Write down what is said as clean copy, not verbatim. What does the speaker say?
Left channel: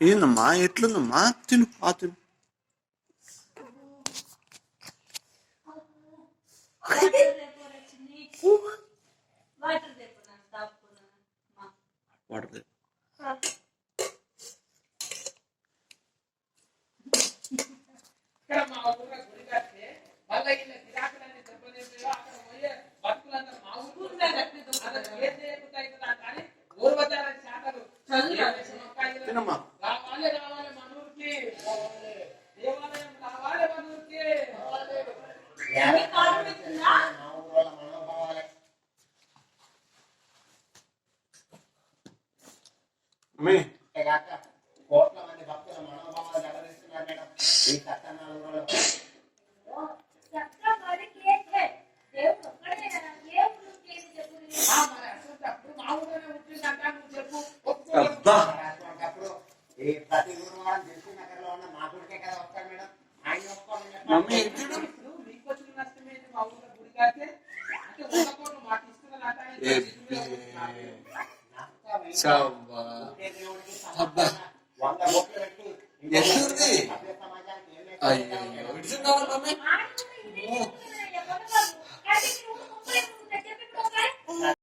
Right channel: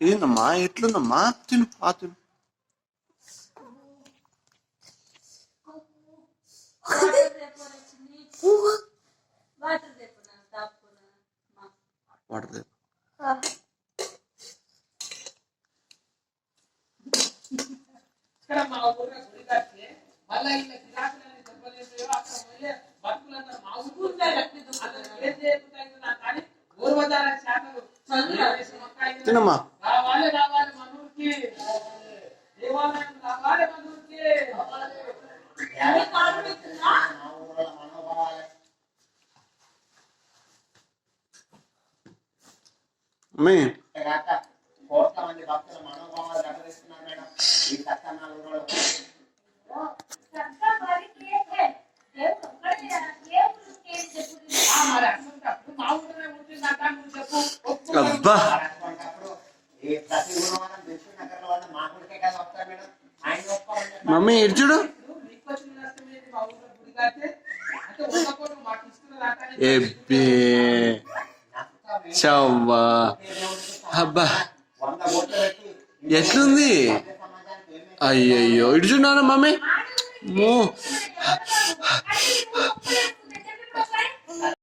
ఏందమ్మా ఎట్లుందమ్మా? తిను తిను. వాటర్ తినమ్మా. కోట్ల మంది భక్తుల మనోభావాలు దెబ్బతీస్తున్నారు మేడం ఈ సత్యనారాయణ ఊరిలో. అబ్బా ప్రతి గురువారం దిల్సు నగర్ లో ఉన్న మాకుడికే కదా వస్తారు మేడం. ఆయన మమ్మీ ఇడ్చుడు అబ్బా ఎట్లుంది? అయ్యయ్యో ఇడ్చున్నారా మమ్మీ?